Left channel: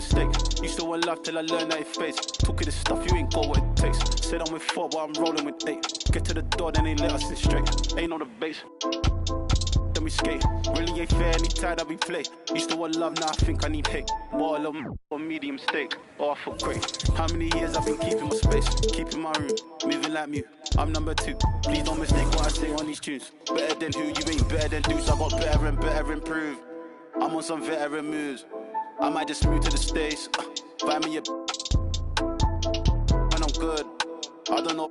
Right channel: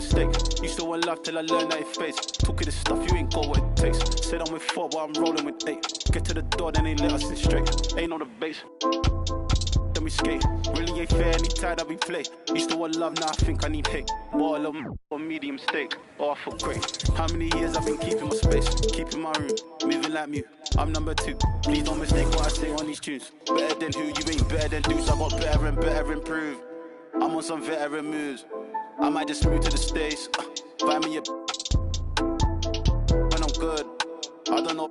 mistake. Used to want love till I learned that it fades. Talking this stuff, you ain't got what it takes. Said I'm with 4, but I'm rolling with 8. Get to the door, then they let us in straight. Ain't on the base. Then we skate. Really ain't fair, anytime that we play. Used to want love, now I think I need hate. More love or medium steak. Oh, I feel great. How many years I've been keeping my space, keeping my room, moving like me. I'm number 2. Please don't mistake what I say on these tunes. Better than who, you ain't better than Deuce. I got better and better improve. I'm on some veteran moves. I might just move to the States. Find me a when I'm good. I don't know.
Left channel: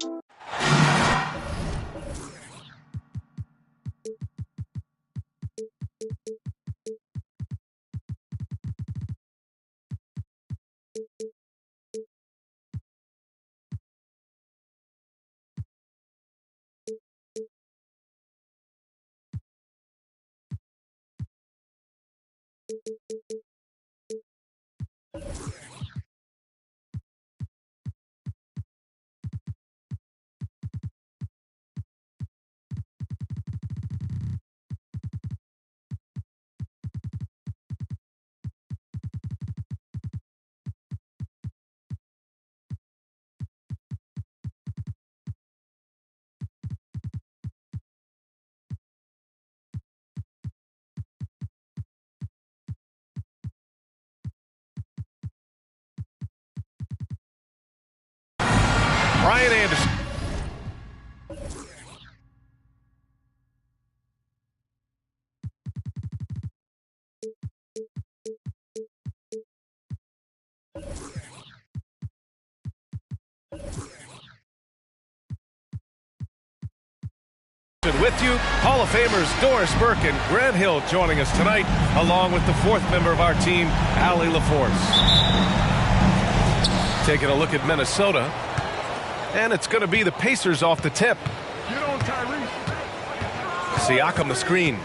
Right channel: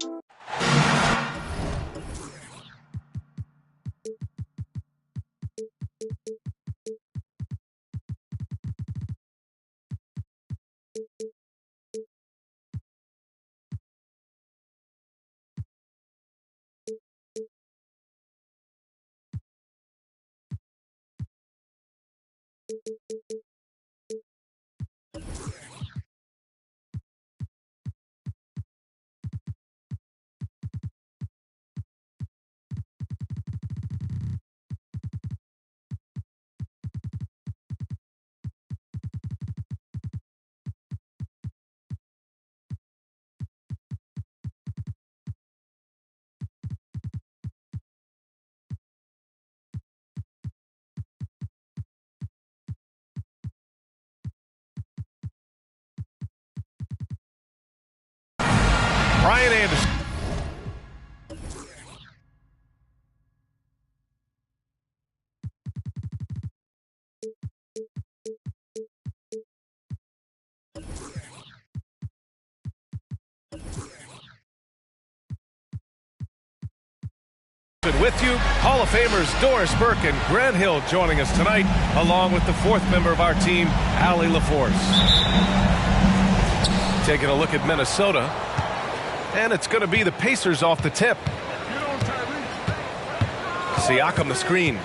Brian Anderson. With you, Hall of Famers Doris Burke and Grant Hill joining us tonight, along with the 4th member of our team, Allie LaForce. Taking a look at Minnesota. And it's going to be the Pacers off the tip. Get on, Tyrese. Siakam the screen.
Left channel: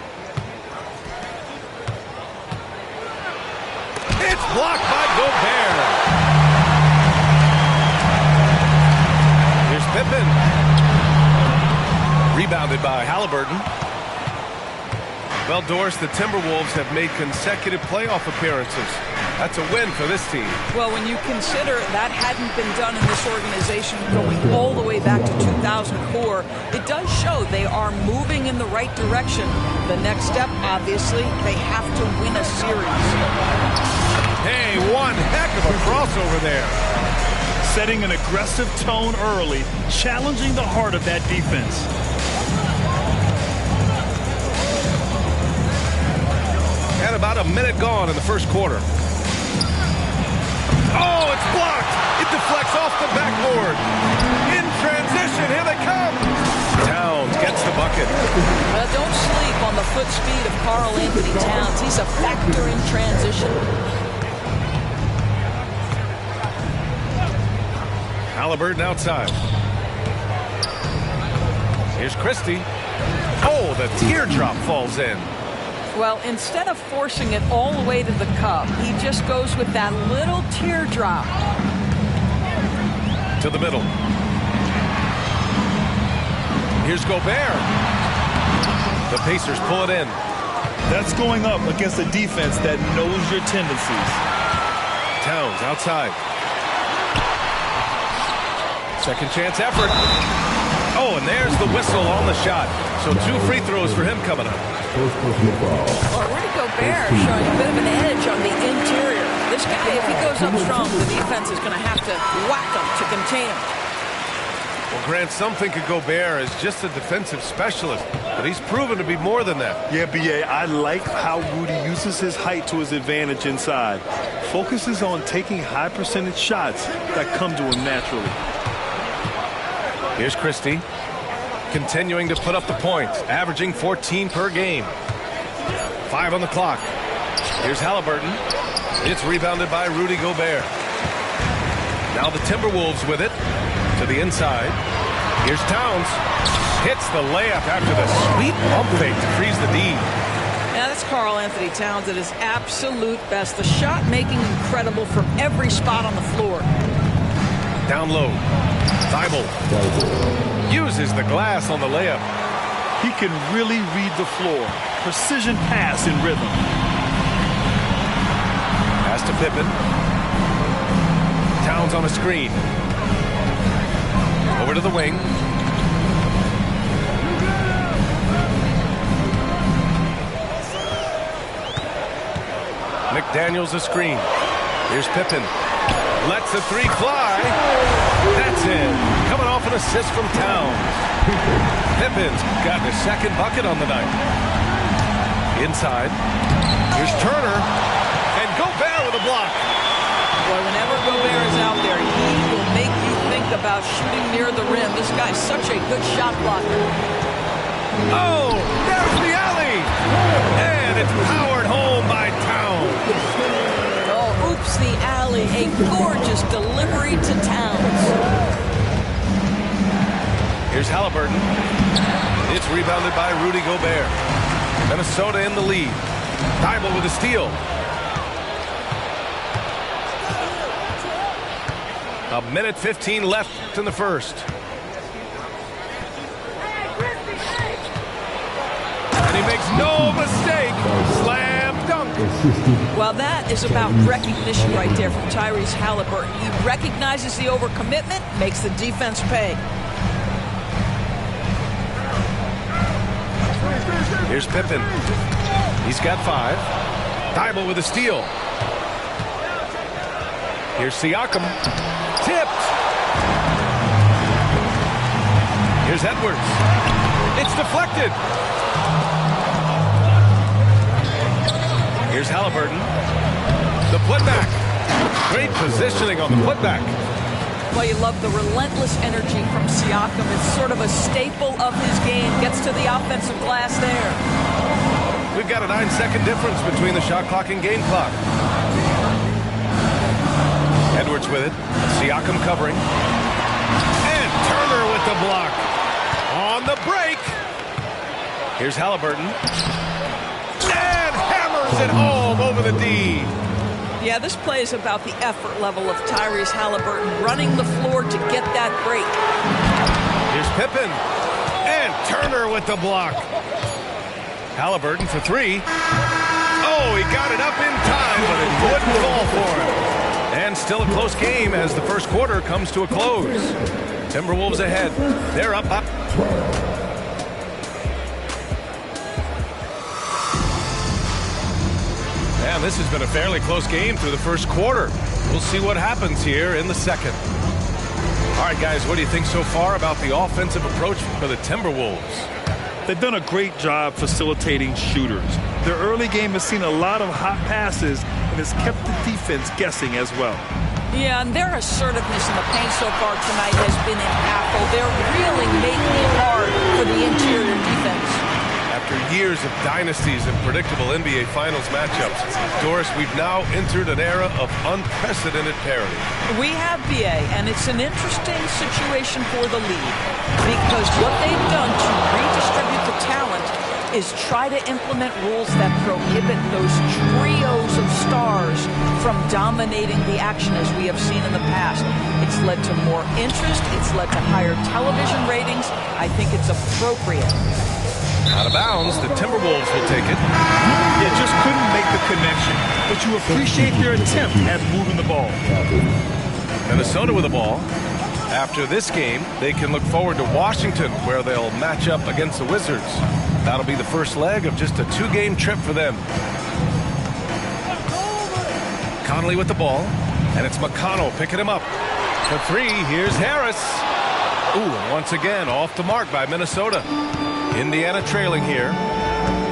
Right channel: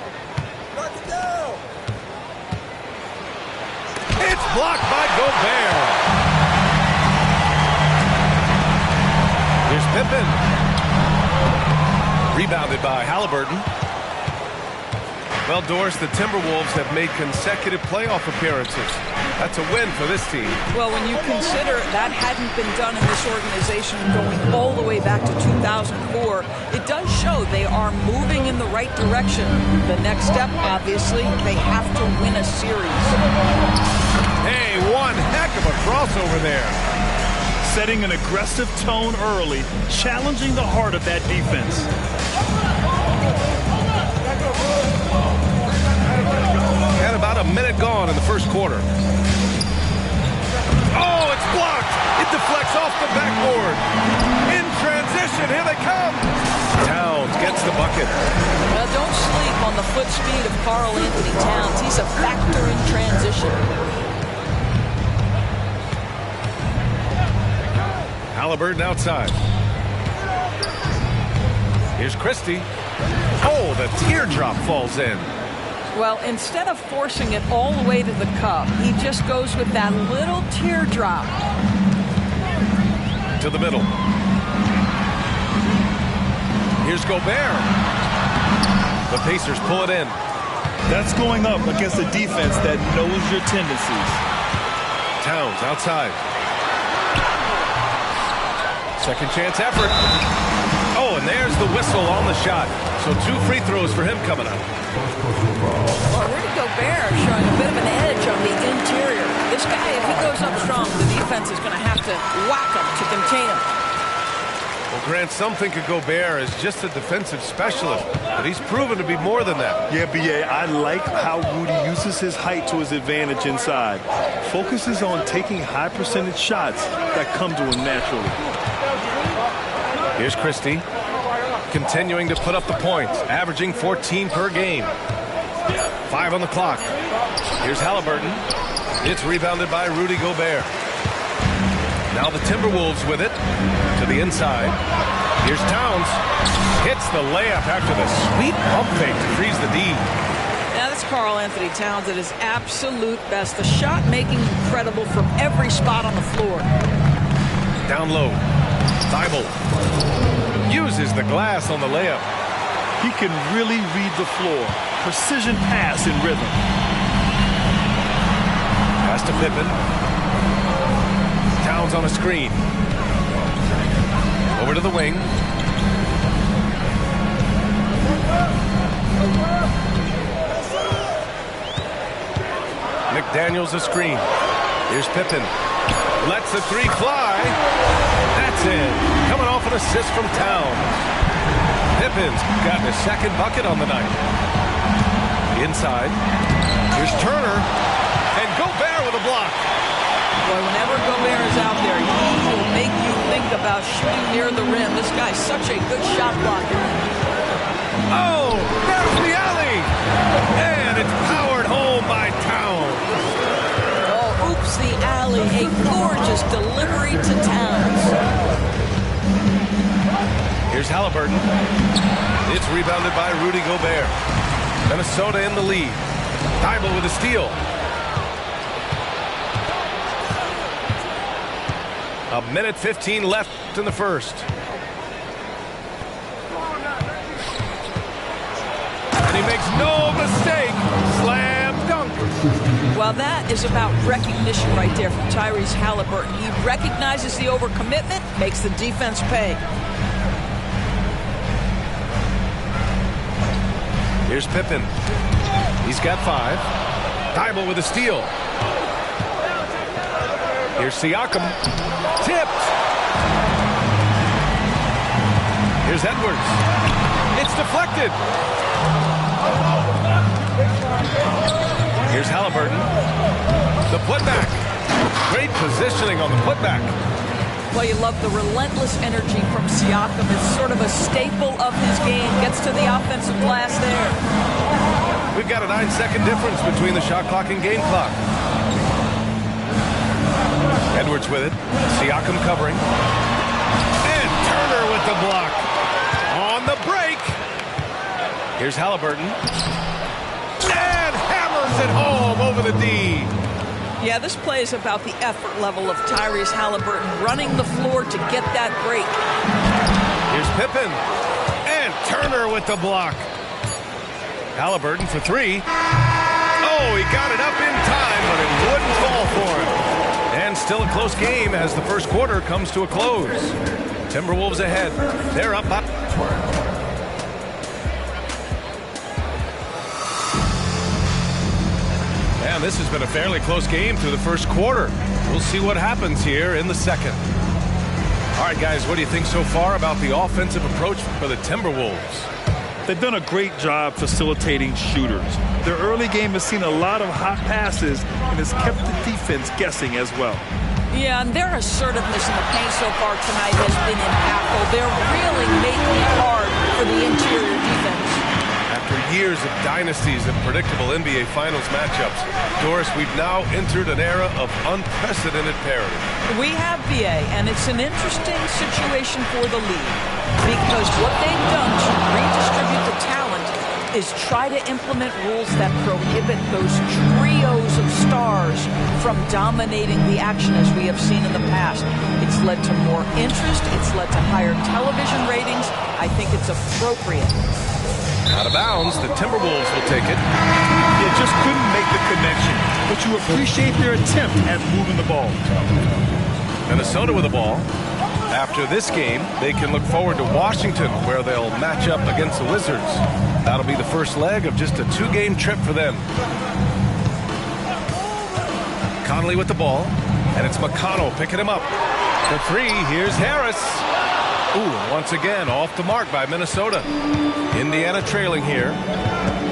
It's blocked by Gobert. Here's Pippen. Rebounded by Halliburton. Well, Doris, the Timberwolves have made consecutive playoff appearances. That's a win for this team. Well, when you consider that hadn't been done in this organization going all the way back to 2004, it does show they are moving in the right direction. The next step, obviously, they have to win a series. Hey, one heck of a crossover there. Setting an aggressive tone early, challenging the heart of that defense. And about a minute gone in the first quarter. Oh, it's blocked. It deflects off the backboard. In transition, here they come. Towns gets the bucket. Well, don't sleep on the foot speed of Karl Anthony Towns. He's a factor in transition. Halliburton outside. Here's Christie. Oh, the teardrop falls in. Well, instead of forcing it all the way to the cup, he just goes with that little teardrop. To the middle. Here's Gobert. The Pacers pull it in. That's going up against a defense that knows your tendencies. Towns outside. Second chance effort. Oh, and there's the whistle on the shot. So 2 free throws for him coming up. Well, Rudy Gobert showing a bit of an edge on the interior. This guy, if he goes up strong, the defense is going to have to whack him to contain him. Well, Grant, some think of Gobert as just a defensive specialist, but he's proven to be more than that. Yeah, B.A., I like how Rudy uses his height to his advantage inside. Focuses on taking high percentage shots that come to him naturally. Here's Christie. Continuing to put up the points, averaging 14 per game. 5 on the clock. Here's Halliburton. It's rebounded by Rudy Gobert. Now the Timberwolves with it to the inside. Here's Towns. Hits the layup after the sweet pump fake to freeze the D. Now that's Karl Anthony Towns at his absolute best. The shot making incredible from every spot on the floor. Down low. Thibault uses the glass on the layup. He can really read the floor. Precision pass in rhythm. Pass to Pippen. Towns on a screen. Over to the wing. McDaniels a screen. Here's Pippen. Lets the three fly. That's in. Coming off an assist from Towns. Pippen's gotten his second bucket on the night. Inside. Here's Turner. And Gobert with a block. Boy, whenever Gobert is out there, he will make you think about shooting near the rim. This guy's such a good shot blocker. Oh, there's the alley. And it's powered home by Towns. Oh, oops, the alley. A gorgeous delivery to Towns. Here's Halliburton. It's rebounded by Rudy Gobert. Minnesota in the lead. Thybulle with a steal. A minute 15 left in the first. And he makes no mistake. Slam dunk. Well, that is about recognition right there from Tyrese Halliburton. He recognizes the overcommitment, makes the defense pay. Here's Pippen. He's got 5. Thybulle with a steal. Here's Siakam. Tipped. Here's Edwards. It's deflected. Here's Halliburton. The putback. Great positioning on the putback. Well, you love the relentless energy from Siakam. It's sort of a staple of his game. Gets to the offensive glass there. We've got a 9-second difference between the shot clock and game clock. Edwards with it. Siakam covering. And Turner with the block. On the break. Here's Halliburton. And hammers it home over the D. Yeah, this play is about the effort level of Tyrese Halliburton running the floor to get that break. Here's Pippen. And Turner with the block. Halliburton for 3. Oh, he got it up in time, but it wouldn't fall for him. And still a close game as the first quarter comes to a close. Timberwolves ahead. They're up. And this has been a fairly close game through the first quarter. We'll see what happens here in the second. All right, guys, what do you think so far about the offensive approach for the Timberwolves? They've done a great job facilitating shooters. Their early game has seen a lot of hot passes and has kept the defense guessing as well. Yeah, and their assertiveness in the paint so far tonight has been impactful. They're really making it hard for the interior defense. After years of dynasties and predictable NBA Finals matchups, Doris, we've now entered an era of unprecedented parity. We have, BA, and it's an interesting situation for the league because what they've done to redistribute the talent is try to implement rules that prohibit those trios of stars from dominating the action as we have seen in the past. It's led to more interest. It's led to higher television ratings. I think it's appropriate. Out of bounds, the Timberwolves will take it. You just couldn't make the connection, but you appreciate their attempt at moving the ball. Minnesota with the ball. After this game, they can look forward to Washington, where they'll match up against the Wizards. That'll be the first leg of just a 2-game trip for them. Conley with the ball, and it's McConnell picking him up. For 3, here's Harris. Ooh, once again, off the mark by Minnesota. Indiana trailing here.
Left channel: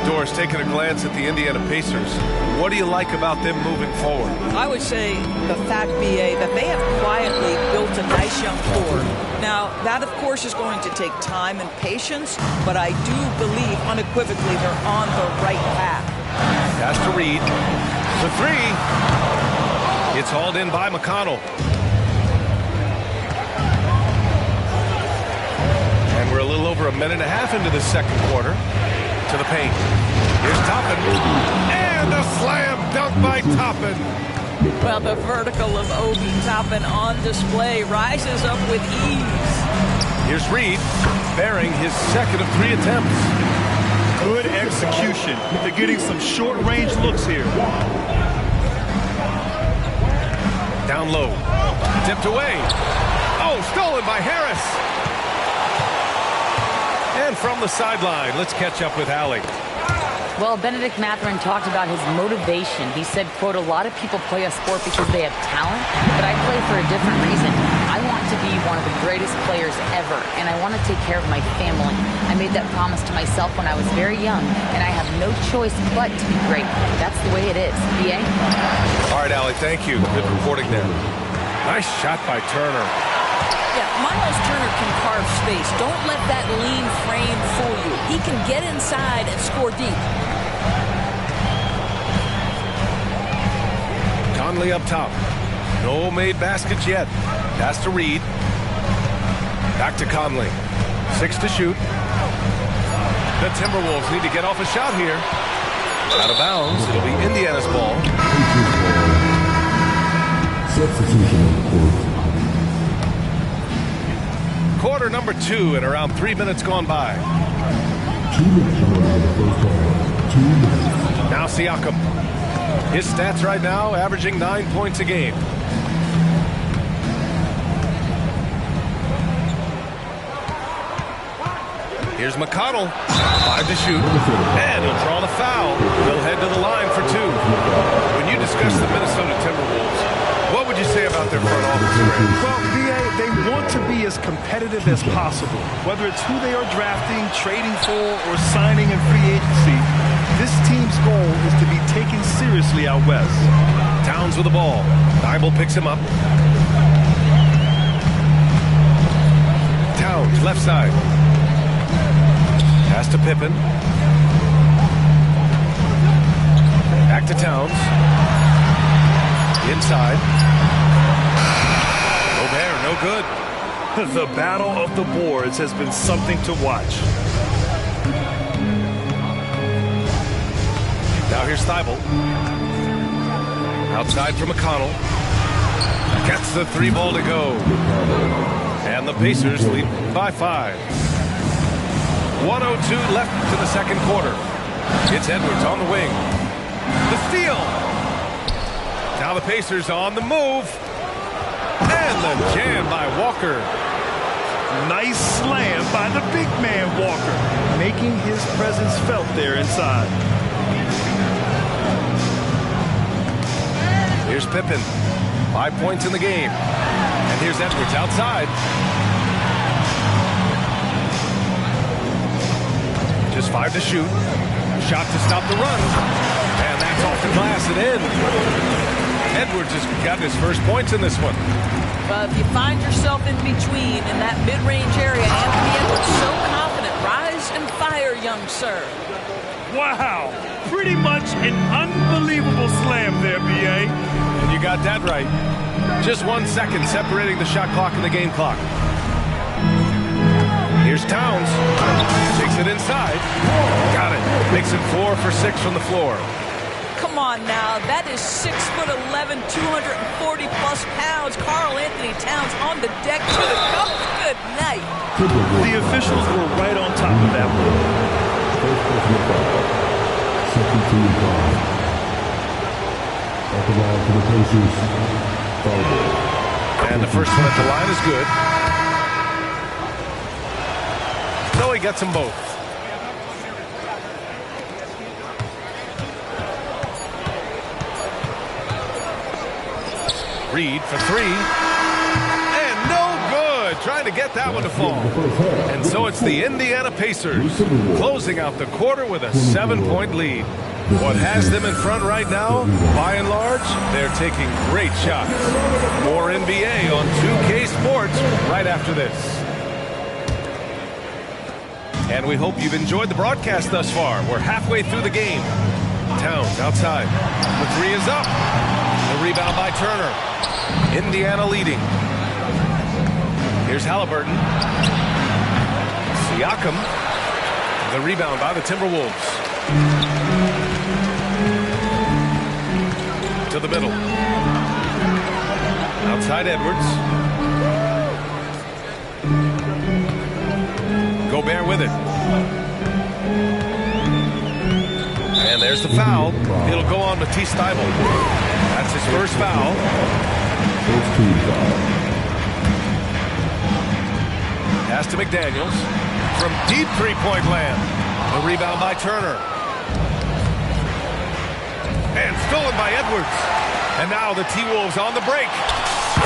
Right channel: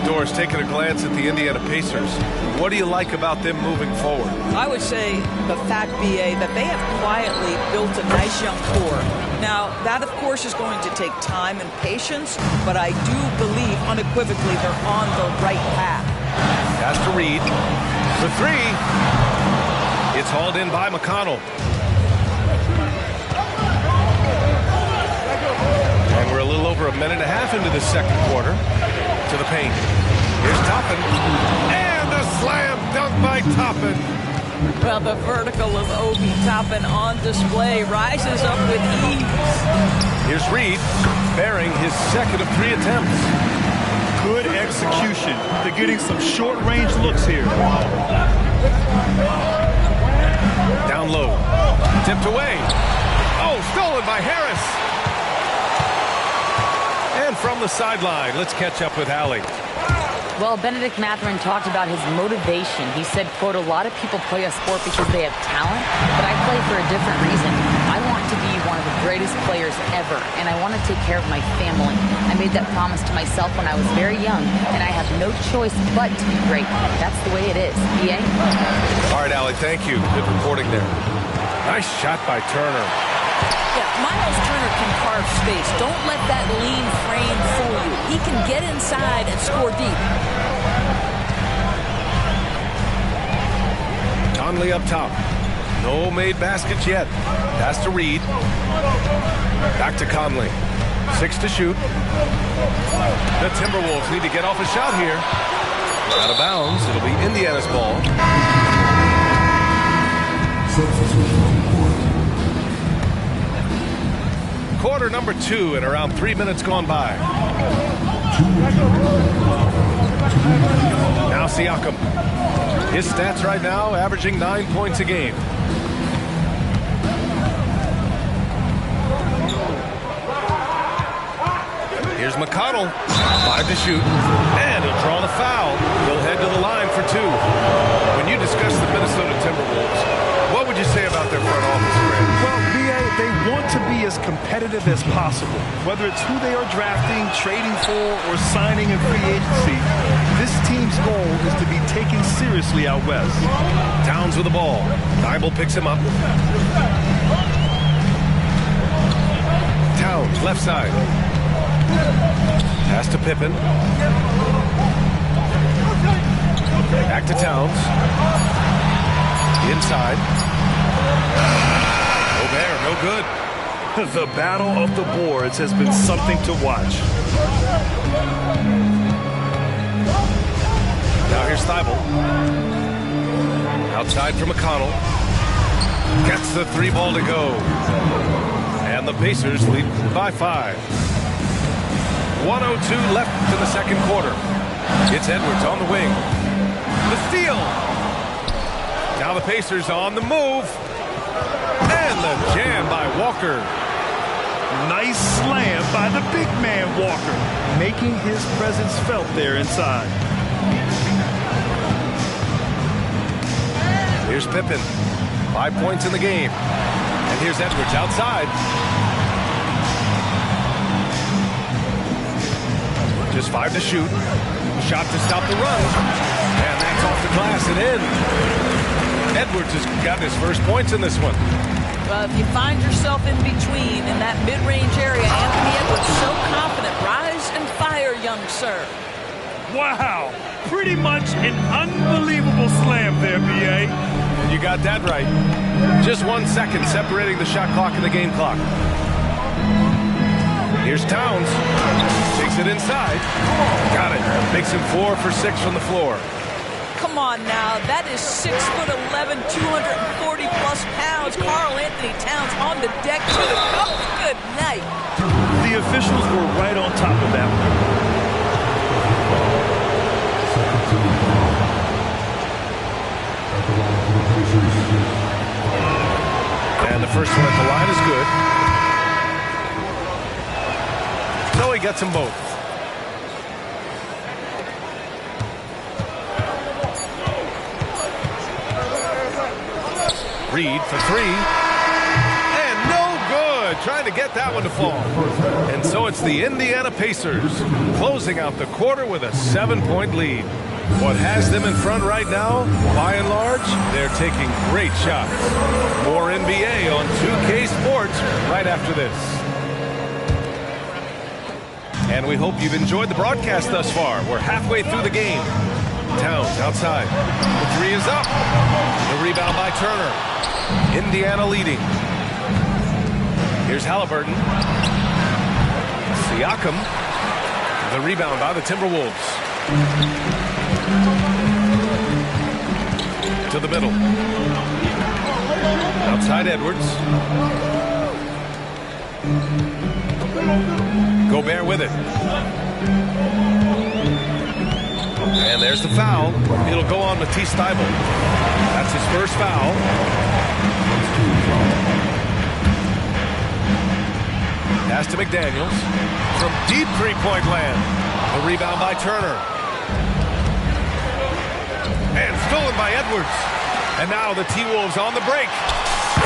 Doris, taking a glance at the Indiana Pacers. What do you like about them moving forward? I would say the fact, BA, that they have quietly built a nice young core. Now, that, of course, is going to take time and patience, but I do believe unequivocally they're on the right path. Pass to Reed. For 3. It's hauled in by McConnell. And we're a little over a minute and a half into the second quarter. To the paint. Here's Toppin. And a slam dunk by Toppin. Well, the vertical of Obi Toppin on display rises up with ease. Here's Reed, bearing his second of 3 attempts. Good execution. They're getting some short-range looks here. Down low. Tipped away. Oh, stolen by Harris. And from the sideline, let's catch up with Allie. Well, Bennedict Mathurin talked about his motivation. He said, quote, "A lot of people play a sport because they have talent, but I play for a different reason. I want to be one of the greatest players ever, and I want to take care of my family. I made that promise to myself when I was very young, and I have no choice but to be great. That's the way it is." B.A.? All right, Allie, thank you. Good reporting there. Nice shot by Turner. Yeah, Miles Turner can carve space. Don't let that lean frame fool you. He can get inside and score deep. Conley up top. No made baskets yet. Pass to Reed. Back to Conley. 6 to shoot. The Timberwolves need to get off a shot here. Out of bounds. It'll be Indiana's ball. Substitution on the court. Quarter number 2 and around 3 minutes gone by. Now Siakam. His stats right now averaging 9 points a game. Here's McConnell. 5 to shoot. And he'll draw the foul. He'll head to the line for 2. When you discuss the Minnesota Timberwolves, what would you say about their front office, Grant? Well, B.A., they want to be as competitive as possible. Whether it's who they are drafting, trading for, or signing in free agency, this team's goal is to be taken seriously out west. Towns with the ball. Thibault picks him up. Towns, left side. Pass to Pippen. Back to Towns. Inside. Gobert, no good. The battle of the boards has been something to watch. Now here's Thibault. Outside for McConnell. Gets the 3 ball to go. And the Pacers lead by 5. 1:02 left in the second quarter. It's Edwards on the wing. The steal. Now the Pacers on the move. And the jam by Walker. Nice slam by the big man Walker, making his presence felt there inside. Here's Pippen. 5 points in the game. And here's Edwards outside. Just 5 to shoot. Shot to stop the run. And that's off the glass and in. Edwards has gotten his first points in this one. Well, if you find yourself in between in that mid-range area, Anthony Edwards so confident. Rise and fire, young sir. Wow, pretty much an unbelievable slam there, B.A. And you got that right. Just 1 second separating the shot clock and the game clock. Here's Towns. Takes it inside. Got it. Makes him 4 for 6 from the floor. Come on now, that is 6'11", 240-plus pounds. Karl Anthony Towns on the deck to the cup. Good night. The officials were right on top of that one. And the first one at the line is good. So he gets them both. Reed for 3. And no good. Trying to get that one to fall. And so it's the Indiana Pacers closing out the quarter with a 7-point lead. What has them in front right now, by and large, they're taking great shots. More NBA on 2K Sports right after this. And we hope you've enjoyed the broadcast thus far. We're halfway through the game. Towns outside. The 3 is up. The rebound by Turner. Indiana leading. Here's Halliburton. Siakam. The rebound by the Timberwolves. To the middle. Outside Edwards. Gobert with it. And there's the foul. It'll go on Matisse Thybulle. That's his first foul. First team foul. Pass to McDaniels. From deep three-point land. The rebound by Turner. And stolen by Edwards. And now the T-Wolves on the break.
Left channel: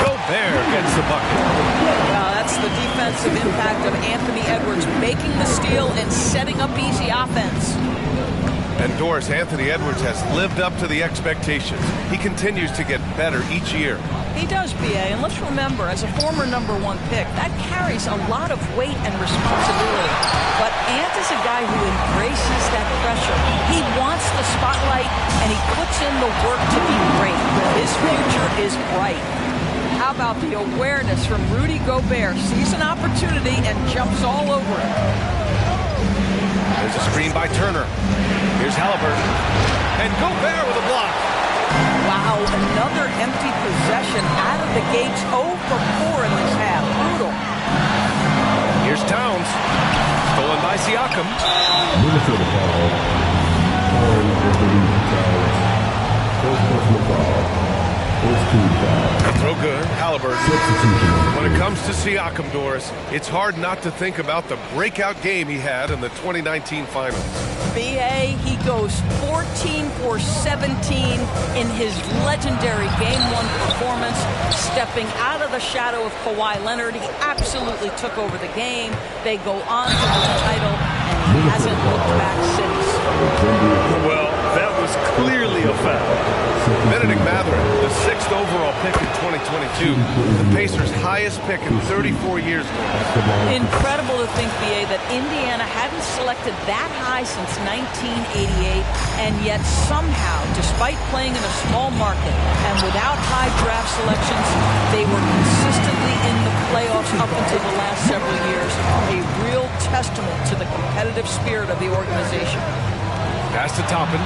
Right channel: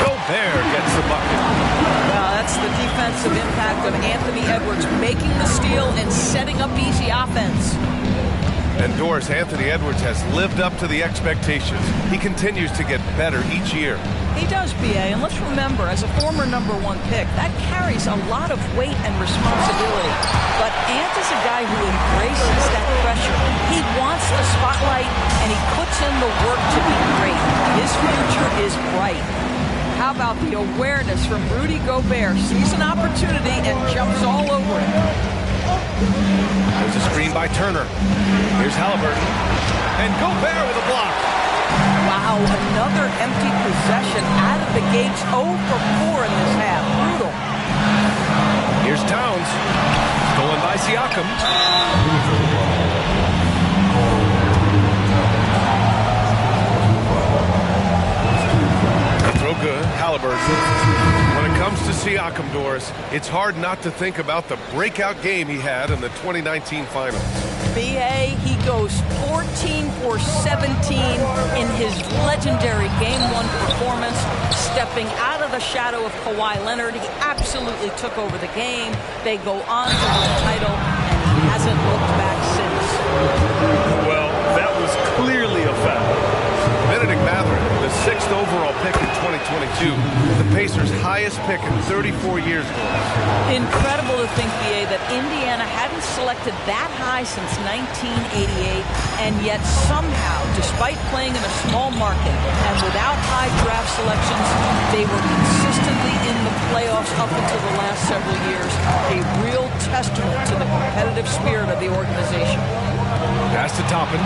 Gobert gets the bucket. Well, that's the defensive impact of Anthony Edwards, making the steal and setting up easy offense. And Doris, Anthony Edwards has lived up to the expectations. He continues to get better each year. He does, B.A., and let's remember, as a former #1 pick, that carries a lot of weight and responsibility. But Ant is a guy who embraces that pressure. He wants the spotlight, and he puts in the work to be great. His future is bright. How about the awareness from Rudy Gobert? Sees an opportunity and jumps all over it. There's a screen by Turner. Here's Halliburton. And Gobert with a block. Wow, another empty possession out of the gates. 0 for 4 in this half. Brutal. Here's Towns. Stolen by Siakam. Minnesota foul. Carl Anthony Towns. First personal foul. First team foul. They throw good. Halliburton. Substitution. When it comes to Siakam, Doris, it's hard not to think about the breakout game he had in the 2019 finals. B.A., he goes 14 for 17 in his legendary Game 1 performance, stepping out of the shadow of Kawhi Leonard. He absolutely took over the game. They go on to the title, and he hasn't looked back since. Well, that was clearly a foul. Bennedict Mathurin, the 6th overall pick in 2022, the Pacers' highest pick in 34 years, Doris. Incredible to think, B.A., that Indiana hadn't selected that high since 1988, and yet somehow, despite playing in a small market and without high draft selections, they were consistently in the playoffs up until the last several years. A real testament to the competitive spirit of the organization. Pass to Toppin.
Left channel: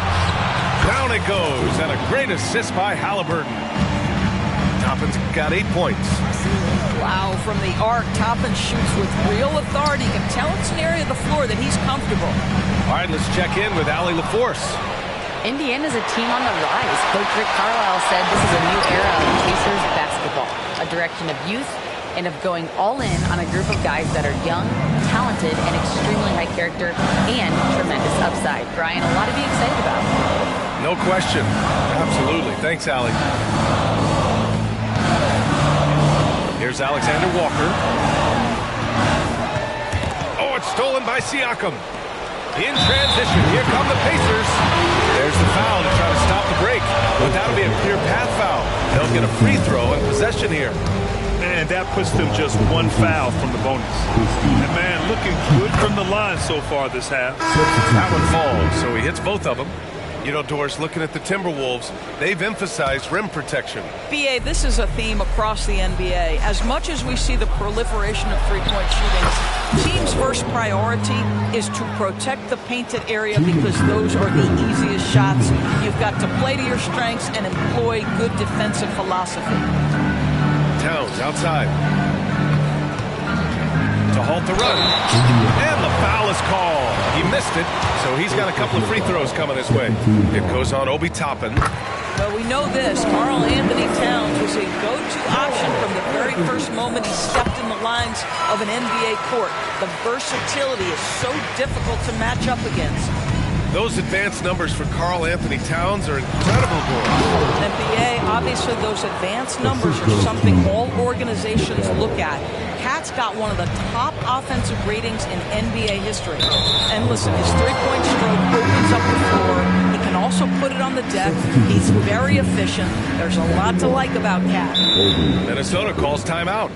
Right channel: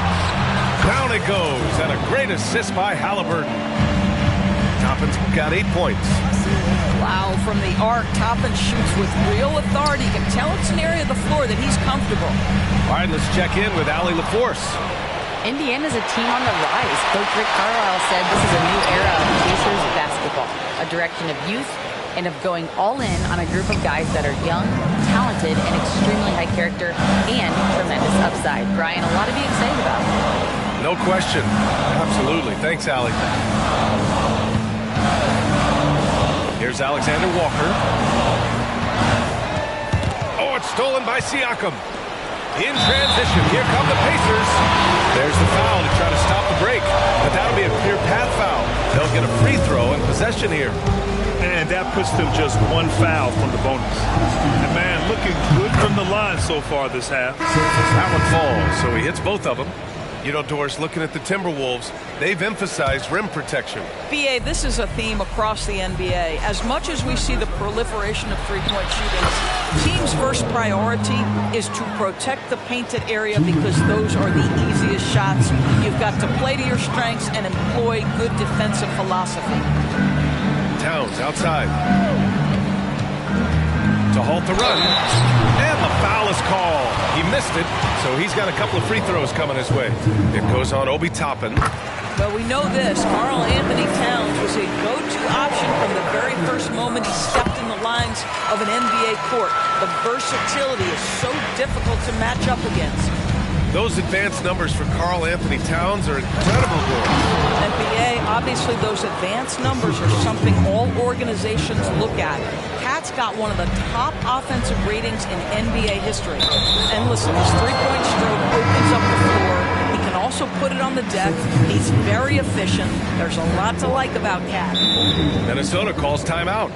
Down it goes, and a great assist by Halliburton. Toppin's got 8 points. Wow, from the arc, Toppin shoots with real authority. You can tell it's an area of the floor that he's comfortable. All right, let's check in with Allie LaForce. Indiana's a team on the rise. Coach Rick Carlisle said this is a new era of Pacers basketball, a direction of youth and of going all in on a group of guys that are young, talented, and extremely high character and tremendous upside. Brian, a lot to be excited about. No question. Absolutely. Thanks, Allie. Here's Alexander Walker. Oh, it's stolen by Siakam. In transition, here come the Pacers. There's the foul to try to stop the break, but that'll be a clear path foul. They'll get a free throw and possession here. And that puts them just 1 foul from the bonus. And man, looking good from the line so far this half. That one falls, so he hits both of them. You know, Doris, looking at the Timberwolves, they've emphasized rim protection. B.A., this is a theme across the NBA. As much as we see the proliferation of three-point shooting, teams' first priority is to protect the painted area because those are the easiest shots. You've got to play to your strengths and employ good defensive philosophy. Towns outside to halt the run, and the foul is called. He missed it, so he's got a couple of free throws coming his way. It goes on Obi Toppin. But we know this, Karl Anthony Towns was a go-to option from the very first moment he stepped in the lines of an NBA court. The versatility is so difficult to match up against. Those advanced numbers for Karl Anthony Towns are incredible, Doris. And B.A., obviously those advanced numbers are something all organizations look at. Cat's got one of the top offensive ratings in NBA history. And listen, his three-point stroke opens up the floor. He can also put it on the deck. He's very efficient. There's a lot to like about Cat. Minnesota calls timeout.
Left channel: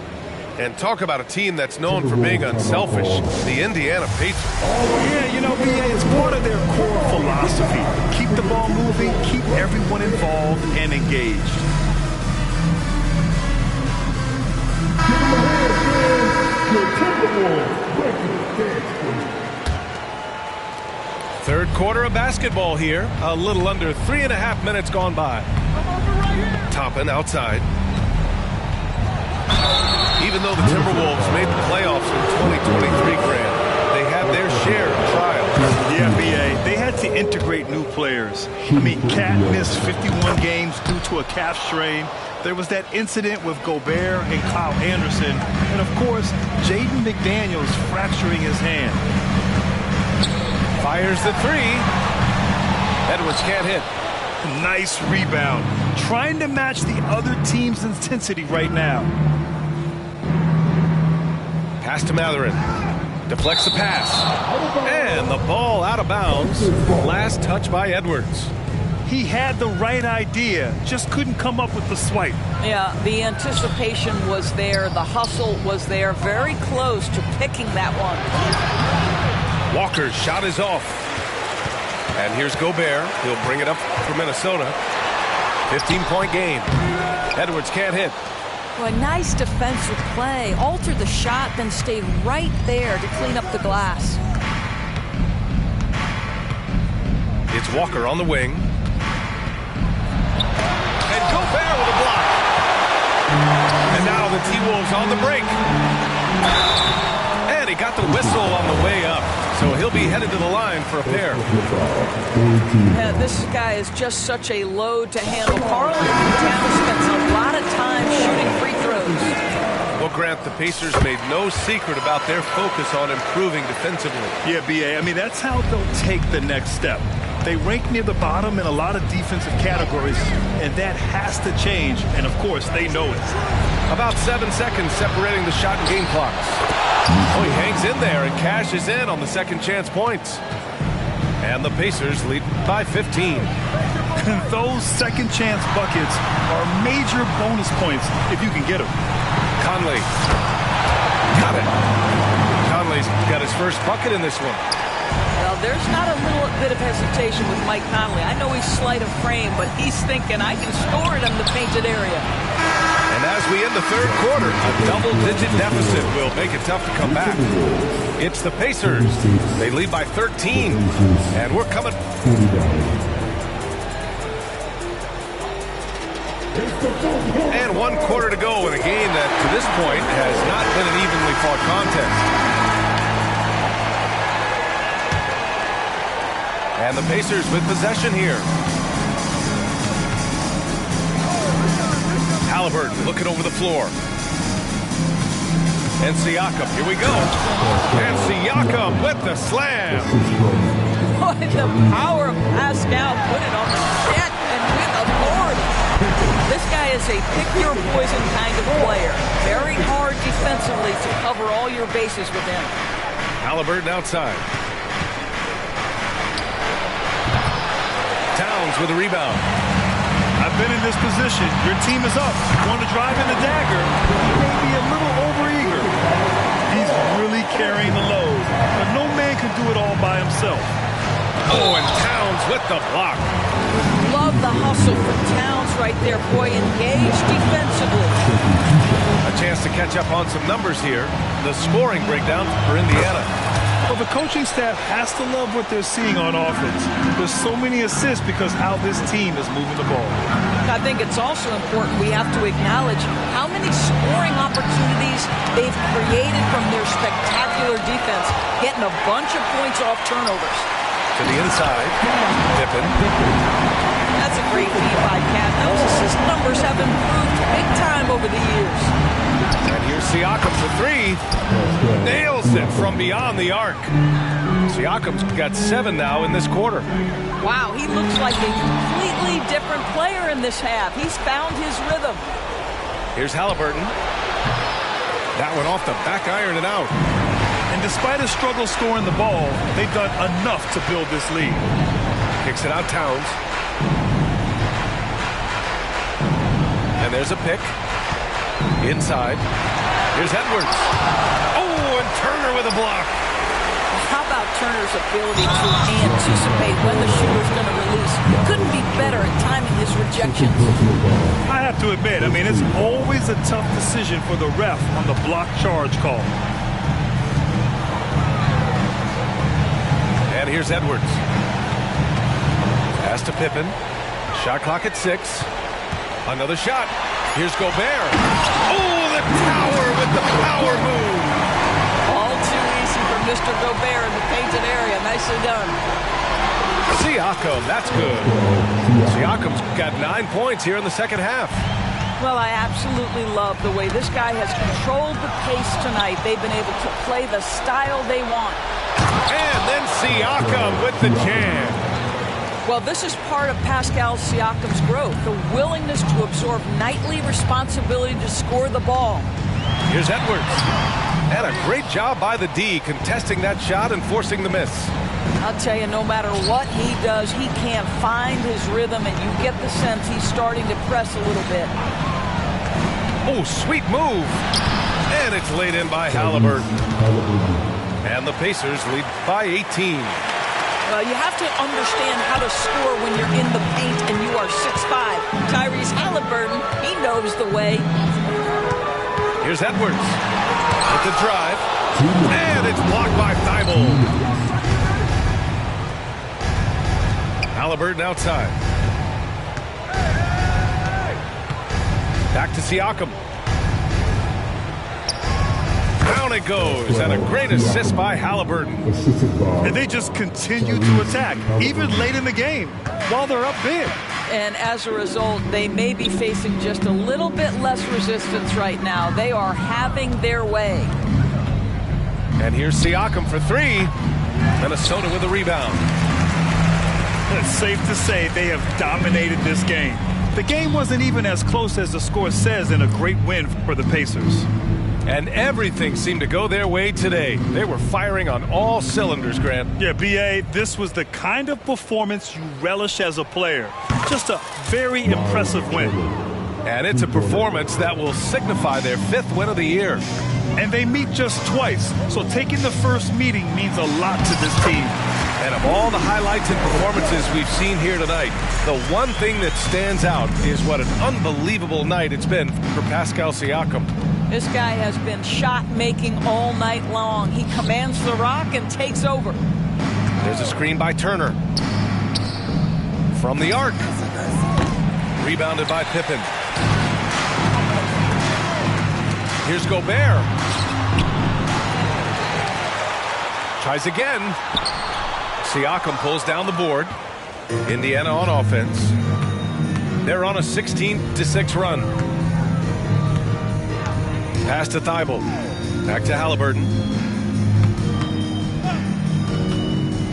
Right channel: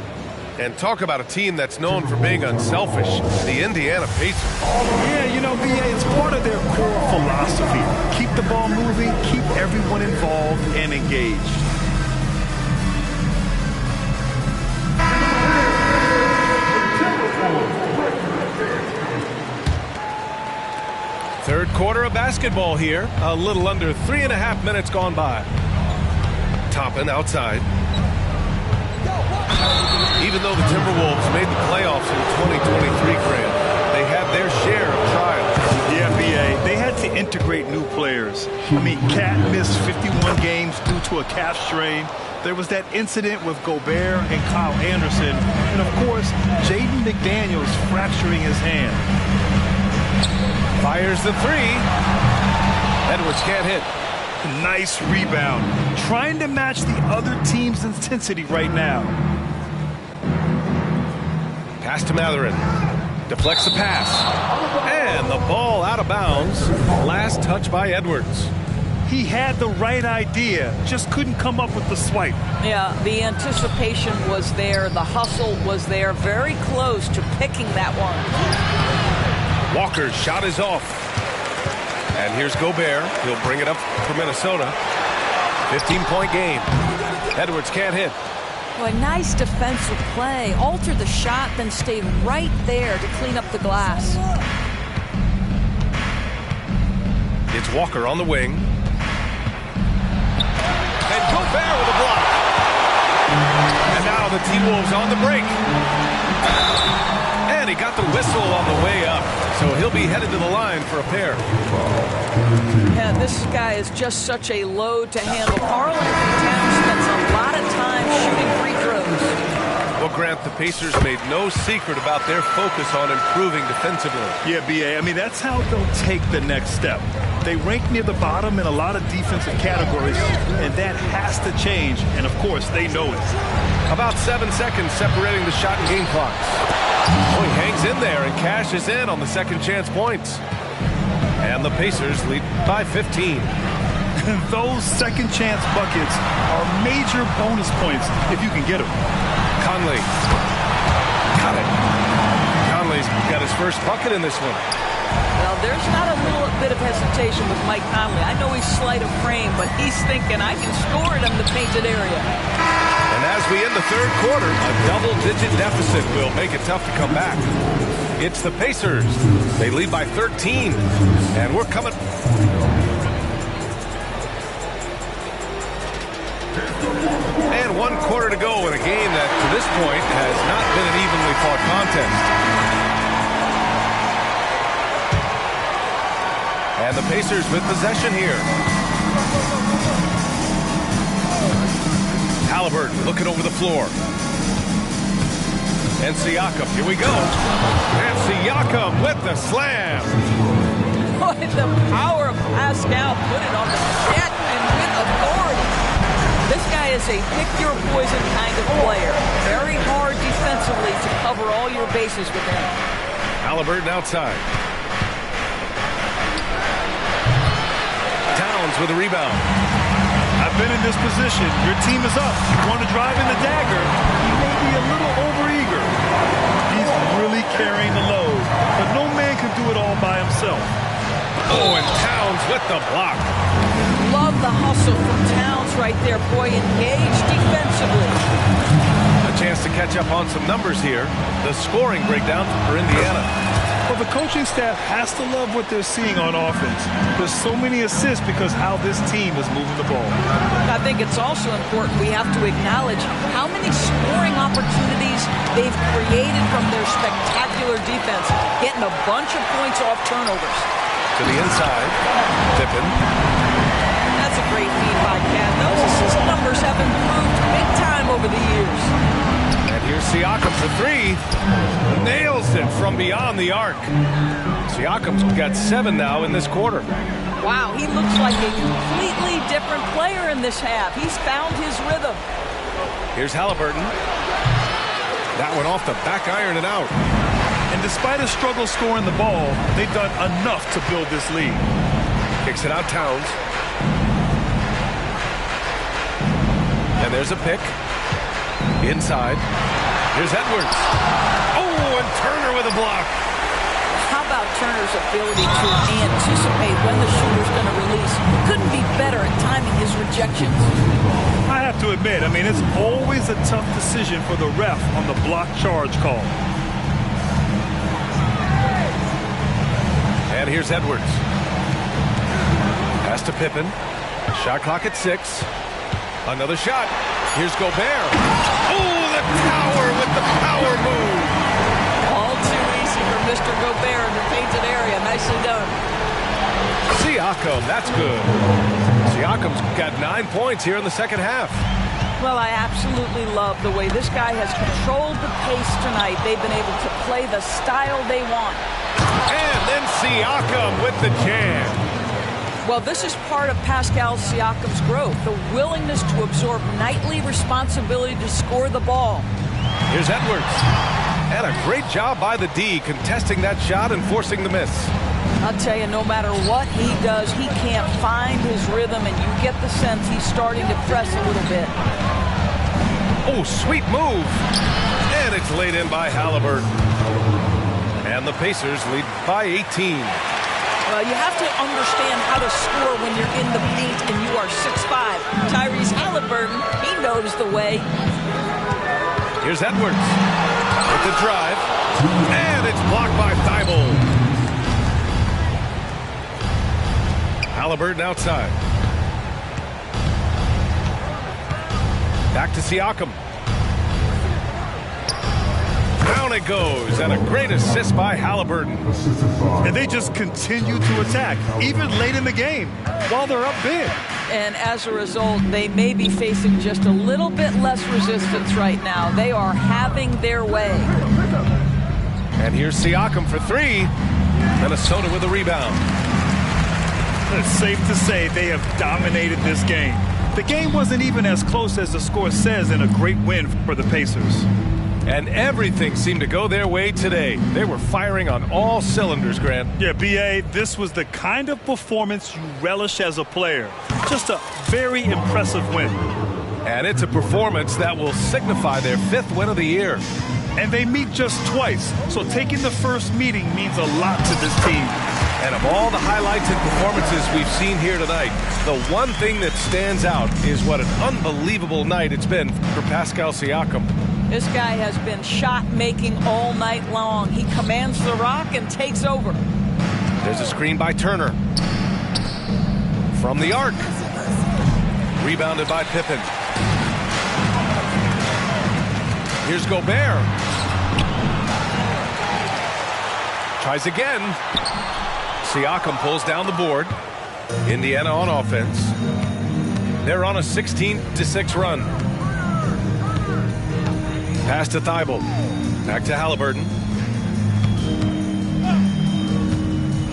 And talk about a team that's known for being unselfish, the Indiana Pacers. Yeah, you know, B.A., it's part of their core philosophy. Keep the ball moving, keep everyone involved and engaged. Third quarter of basketball here. A little under 3.5 minutes gone by. Toppin outside. Even though the Timberwolves made the playoffs in 2023, Grant, they had their share of trials. Yeah, B.A., they had to integrate new players. I mean, Cat missed 51 games due to a calf strain. There was that incident with Gobert and Kyle Anderson. And, of course, Jaden McDaniels fracturing his hand. Fires the three. Edwards can't hit. Nice rebound. Trying to match the other team's intensity right now. Pass to Mathurin. Deflects the pass. And the ball out of bounds. Last touch by Edwards. He had the right idea, just couldn't come up with the swipe. Yeah, the anticipation was there. The hustle was there. Very close to picking that one. Walker's shot is off. And here's Gobert. He'll bring it up for Minnesota. 15-point game. Edwards can't hit. Well, a nice defensive play. Altered the shot, then stayed right there to clean up the glass. It's Walker on the wing. And Gobert with a block. And now the T-Wolves on the break. And he got the whistle on the way up. So he'll be headed to the line for a pair. Yeah, this guy is just such a load to handle. Karl-Anthony Towns spends a lot of time shooting free throws. Well, Grant, the Pacers made no secret about their focus on improving defensively. Yeah, B.A., I mean, that's how they'll take the next step. They rank near the bottom in a lot of defensive categories, and that has to change, and of course, they know it. About 7 seconds separating the shot and game clocks. Oh, he hangs in there and cashes in on the second chance points. And the Pacers lead by 15. Those second chance buckets are major bonus points if you can get them. Conley. Got it. Conley's got his first bucket in this one. Well, there's not a little bit of hesitation with Mike Conley. I know he's slight of frame, but he's thinking, I can score it in the painted area. And as we end the third quarter, a double-digit deficit will make it tough to come back. It's the Pacers. They lead by 13, and we're coming. And 1 quarter to go in a game that, to this point, has not been an evenly fought contest. And the Pacers with possession here. Haliburton looking over the floor. And Siakam, here we go. And Siakam with the slam. Boy, the power of Pascal put it on the net and with authority. This guy is a pick-your-poison kind of player. Very hard defensively to cover all your bases with him. Haliburton outside. Towns with a rebound. I've been in this position. Your team is up. You want to drive in the dagger. He may be a little overeager. He's really carrying the load, but no man can do it all by himself. Oh, and Towns with the block. Love the hustle from Towns right there. Boy, engaged defensively. A chance to catch up on some numbers here. The scoring breakdown for Indiana. Well, the coaching staff has to love what they're seeing on offense. There's so many assists because how this team is moving the ball. I think it's also important we have to acknowledge how many scoring opportunities they've created from their spectacular defense, getting a bunch of points off turnovers. To the inside, Pippen. That's a great feed by Cat. Those assist numbers have improved big time over the years. And here's Siakam for three. Nails it from beyond the arc. Siakam's got 7 now in this quarter. Wow, he looks like a completely different player in this half. He's found his rhythm. Here's Haliburton. That one off the back iron and out. And despite a struggle scoring the ball, they've done enough to build this lead. Kicks it out Towns. And there's a pick. Inside. Here's Edwards. Oh, and Turner with a block. How about Turner's ability to anticipate when the shooter's going to release? Couldn't be better at timing his rejections. I have to admit, I mean, it's always a tough decision for the ref on the block charge call. And here's Edwards. Pass to Pippen. Shot clock at 6. Another shot. Here's Gobert. Oh, the tower with the power move. All too easy for Mr. Gobert in the painted area. Nicely done. Siakam, that's good. Siakam's got 9 points here in the second half. Well, I absolutely love the way this guy has controlled the pace tonight. They've been able to play the style they want. And then Siakam with the jam. Well, this is part of Pascal Siakam's growth, the willingness to absorb nightly responsibility to score the ball. Here's Edwards. And a great job by the D, contesting that shot and forcing the miss. I'll tell you, no matter what he does, he can't find his rhythm, and you get the sense he's starting to press a little bit. Oh, sweet move. And it's laid in by Halliburton. And the Pacers lead by 18. Well, you have to understand how to score when you're in the paint and you are 6'5". Tyrese Halliburton, he knows the way. Here's Edwards with the drive. And it's blocked by Thibault. Halliburton outside. Back to Siakam. Down it goes, and a great assist by Halliburton. And they just continue to attack, even late in the game, while they're up big. And as a result, they may be facing just a little bit less resistance right now. They are having their way. And here's Siakam for three. Minnesota with a rebound. It's safe to say they have dominated this game. The game wasn't even as close as the score says in a great win for the Pacers. And everything seemed to go their way today. They were firing on all cylinders, Grant. Yeah, B.A., this was the kind of performance you relish as a player. Just a very impressive win. And it's a performance that will signify their 5th win of the year. And they meet just twice, so taking the first meeting means a lot to this team. And of all the highlights and performances we've seen here tonight, the one thing that stands out is what an unbelievable night it's been for Pascal Siakam. This guy has been shot-making all night long. He commands the rock and takes over. There's a screen by Turner. From the arc. Rebounded by Pippen. Here's Gobert. Tries again. Siakam pulls down the board. Indiana on offense. They're on a 16-6 run. Pass to Thibault. Back to Halliburton.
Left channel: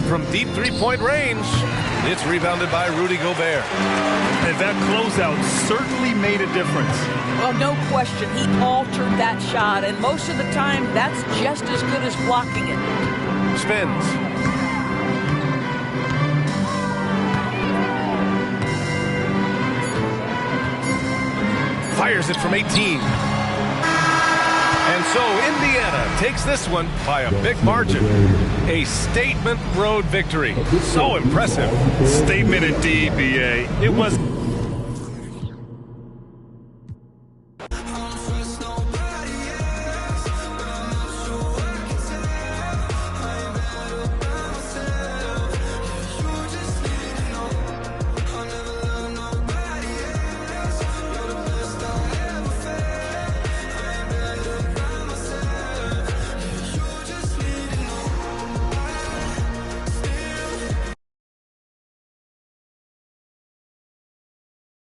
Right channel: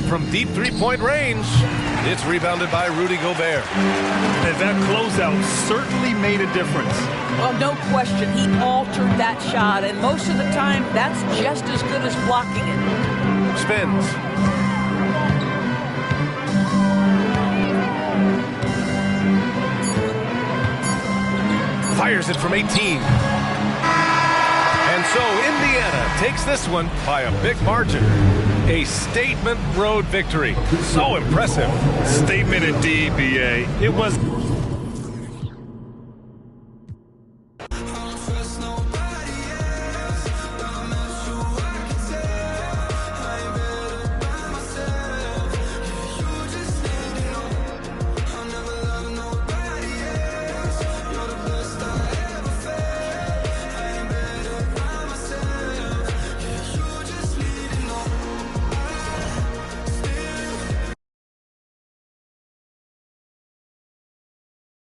From deep three-point range, it's rebounded by Rudy Gobert. And that closeout certainly made a difference. Well, no question. He altered that shot, and most of the time, that's just as good as blocking it. Spins. Fires it from 18. And so Indiana takes this one by a big margin. A statement road victory. So impressive. Statement indeed, B.A. It was